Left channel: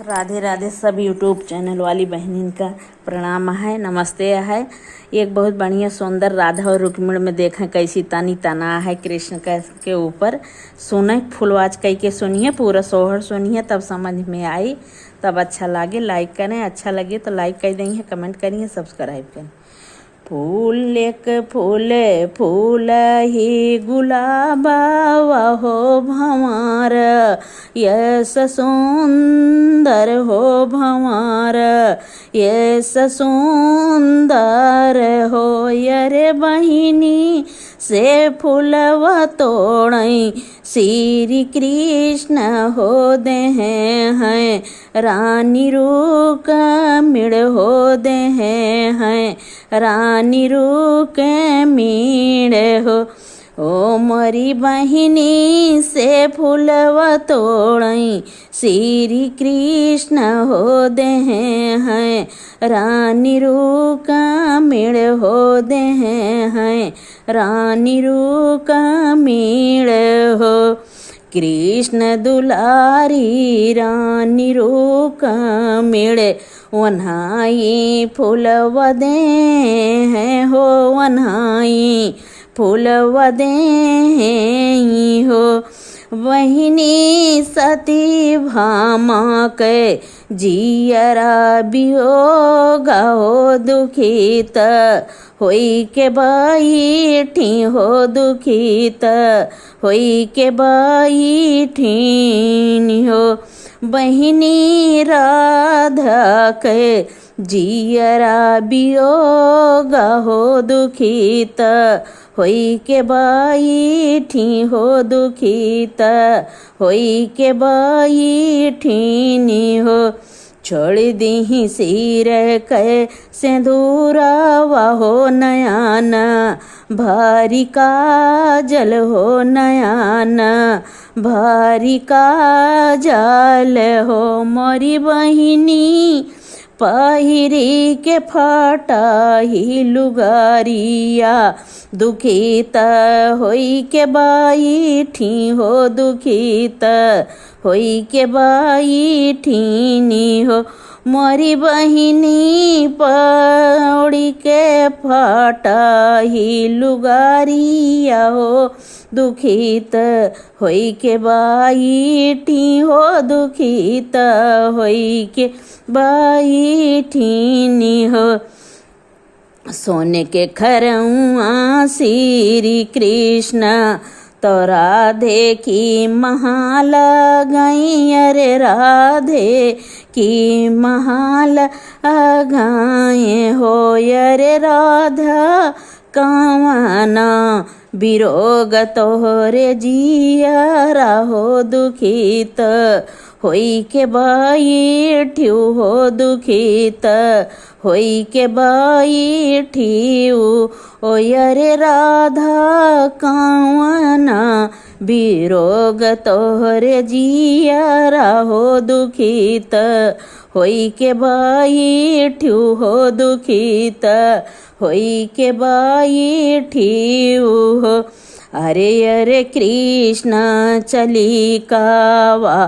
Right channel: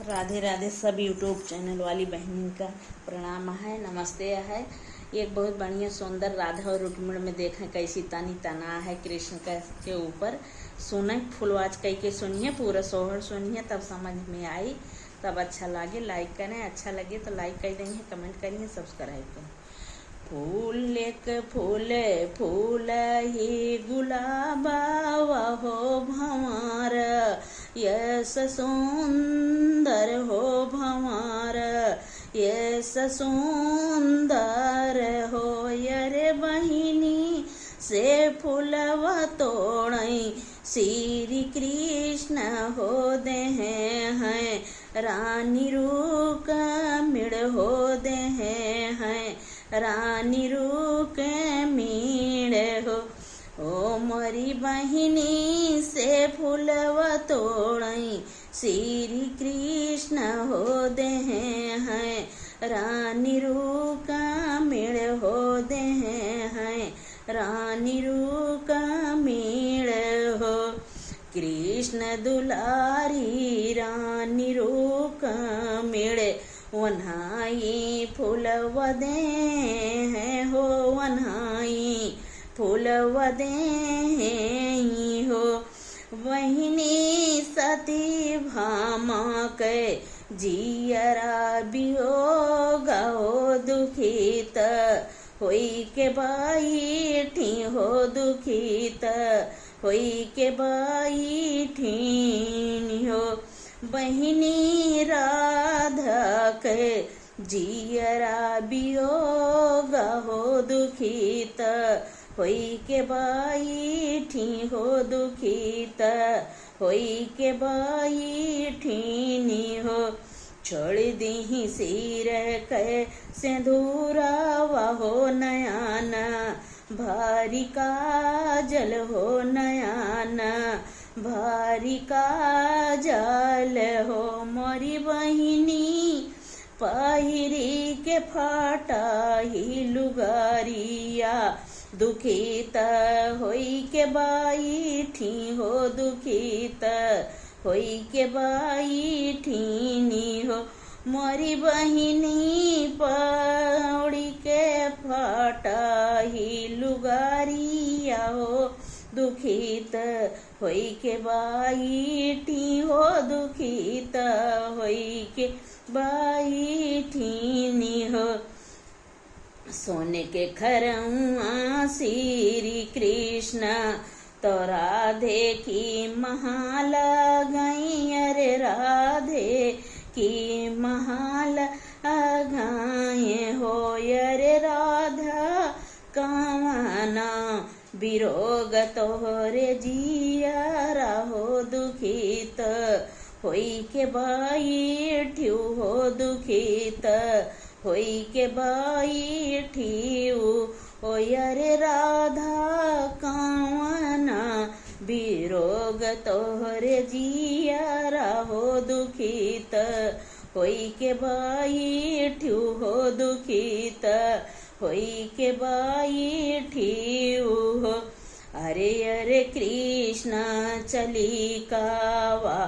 राधे राधे सब YouTube channel वाली बहनिन का प्रणाम है, नमस्ते है। एक बहुत बढ़िया सुंदर राधा और रुक्मिणी में देखें कैसी तनी तना है कृष्ण के ऊपर। सुने फुलवाज कह के सुनिए, पूरा सोहर सुनिए तब समझ में आई, तब अच्छा लगे लाइक करें, अच्छा लगे तो लाइक कर देंगे, कमेंट करिए, सब्सक्राइब करें। फूल एक फूल फूल ही गुलाबा हो भंवर, यस सुंदर हो भंवर, यस सुंदर हो। यरे बहिनी से फूलवा तोड़ई, श्री कृष्ण हो दे हैं, रानी रूक मिड़ हो दे हैं, रानी रूक मीड़ हो। ओ मोरी बहिनी से फूलवा तोड़ई, श्री कृष्ण हो दे हैं, रानी रूक मिड़ हो दे हैं, रानी रूक मीड़ हो। कृष्ण दुलारी रानी रूक मिड़े, वन्हाई फूलवा दे हैं हो, वन्हाई फूलवा दे हैं हो। बहिनी सती भामा के जियरा बियोग हो दुखित, होई के बैठी हो दुखित, होई के बैठी हो। बहिनी राधा के जियरा बियोग हो दुखित, होई के बैठी हो दुखित, होई के बैठी हो। छोड़ दी सिर के सिंदूरवा हो नयाना, भारी काजल हो नयाना, भारी काजल हो। मोरी बहिनी पहिरी के फाटा ही लुगारिया, दुखित होई के बैठी हो दुखित, होई के बैठी हो। मोरी बहिनी पौड़ी के फाटा ही लुगारिया हो, दुखित होई के बैठी हो, दुखित होई के बैठी हो। सोने के खरउआ श्री कृष्ण तो राधे की महाल गई, अरे राधे की महाल गाए हो। अरे राधा कावना बिरोग तोहरे जियरा हो दुखित, होई के बैठी हो दुखित, होई के बैठी ओ। यरे राधा कावना बिरोग तोहरे जियरा हो दुखित, होई के बैठी हो दुखित, होई के बैठी हो। अरे अरे कृष्ण चली कावा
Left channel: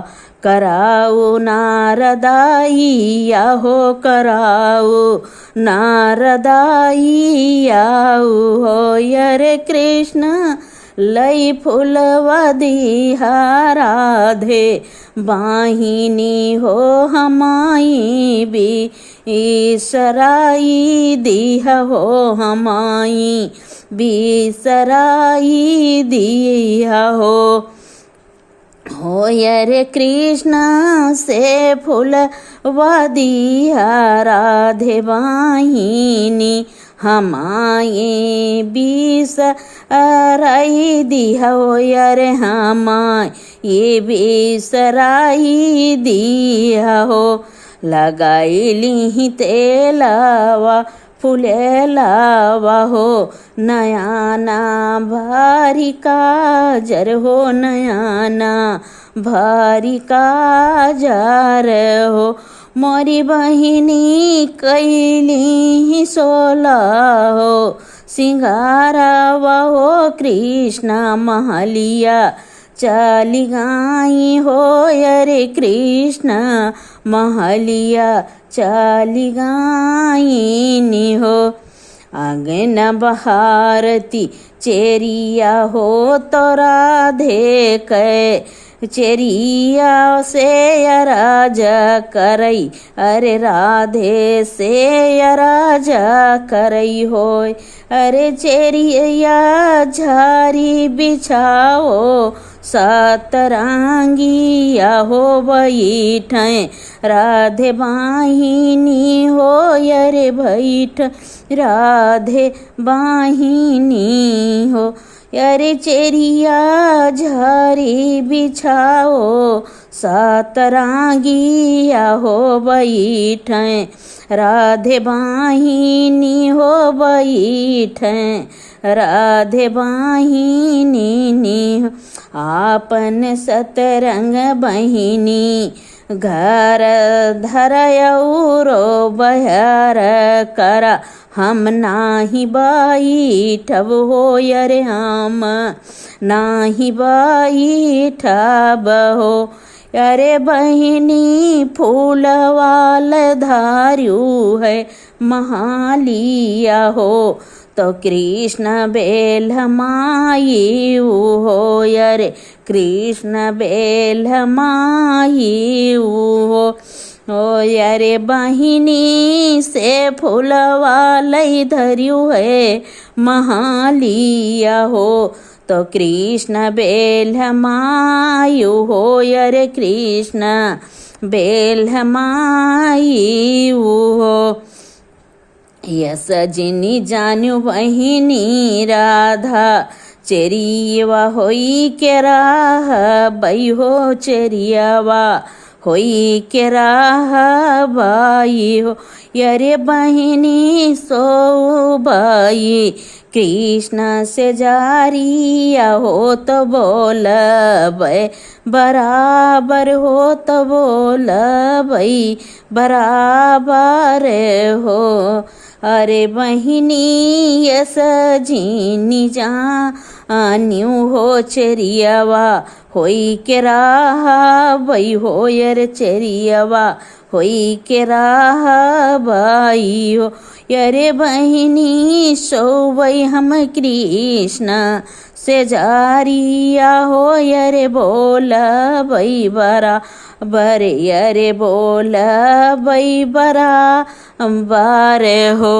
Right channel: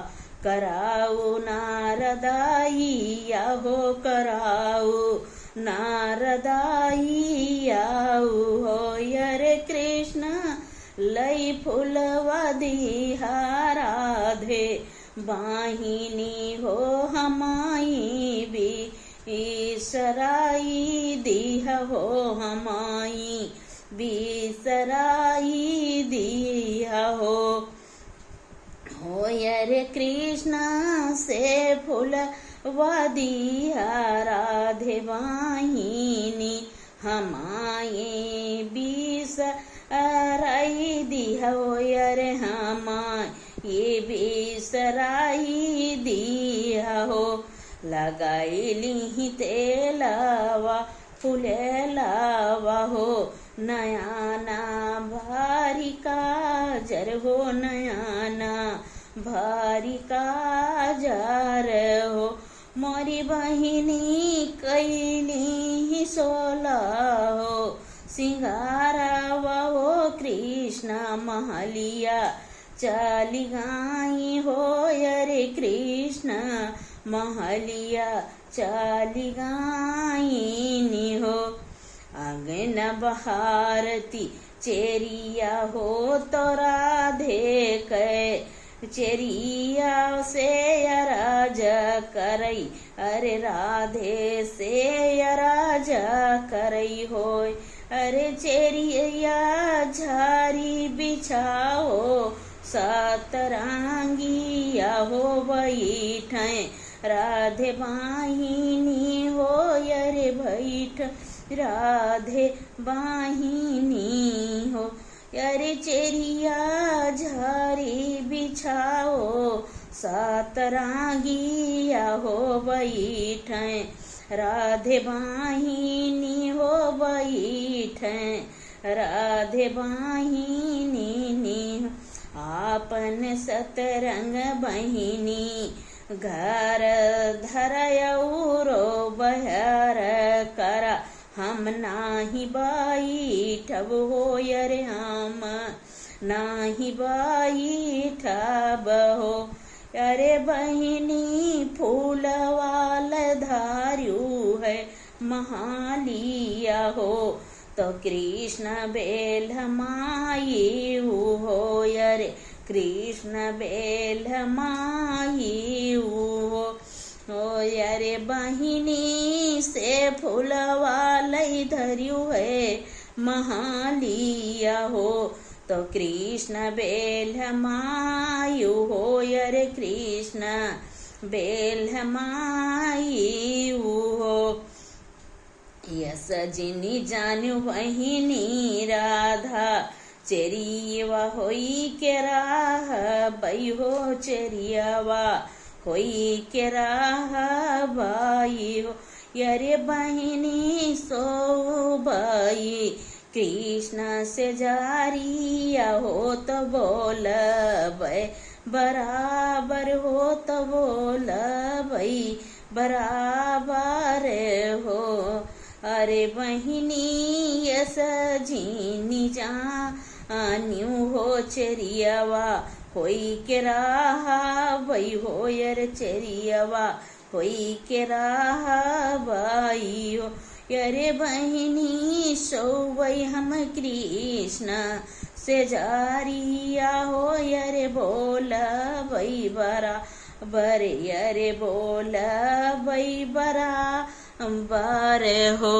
कराऊ नारदाइया हो, कराऊ नारदाइया हो। यरे कृष्ण लई फूलवा दिहा राधे, बाहिनी हो हमाई बिसराई दिहा हो, हमाई बिसराई दिया हो। हो यरे कृष्ण से फूलवा दिया राधे, बाहिनी हमाए बिसराई दिया हो। यरे हमाए ये बिसराई दिया हो। लगाई ली तेलावा फुलेलावा हो, नयाना भारी काजर हो, नयाना भारी काजर हो। मोरी बहिनी कैली सोला हो, सिंगारावा हो कृष्ण महलिया चली गाई हो अरे कृष्ण महलिया चली गाई हो। आंगन बहारती चेरिया हो तो राधे कै चेरिया से राजा करई अरे राधे से राजा करई होय। अरे चेरिया झारी बिछाओ सतरंगिया हो बैठे राधे बाहिनी हो अरे बैठ राधे बाहिनी हो। अरे चेरिया झारी बिछाओ सतरंगिया हो बैठे राधे बाहिनी हो बैठे राधे बाहिनी हो। आपन सतरंग बहिनी घर धरयौरो बहर करा हम नाही बैठब हो अरे हम नाही बैठब हो। अरे बहिनी फूलवाल धार्यू है महालिया हो तो कृष्ण बेल माई हो अरे कृष्ण बेल माई हो। अरे बहिनी से फूलवाल धर्यू है महालिया हो तो कृष्ण बेल मायू हो अरे कृष्ण बेल माई हो। यस जिनी जानू बहिनी राधा चेरियवा होई के राह बई हो चेरियवा होई के राह बाई हो। अरे बहिनी सो बाई कृष्ण से जारिया हो तो बोल बे बराबर हो तो बोल बई बराबर हो। अरे बहिनी यस जीनी जान्यू हो चेरियवा होई के राह बई हो अरे चेरियवा होई के राह बाई हो। अरे बहिनी सोवई हम कृष्ण से जारिया हो अरे बोल बई बरा बरे अरे बोल बई बरा बारे हो।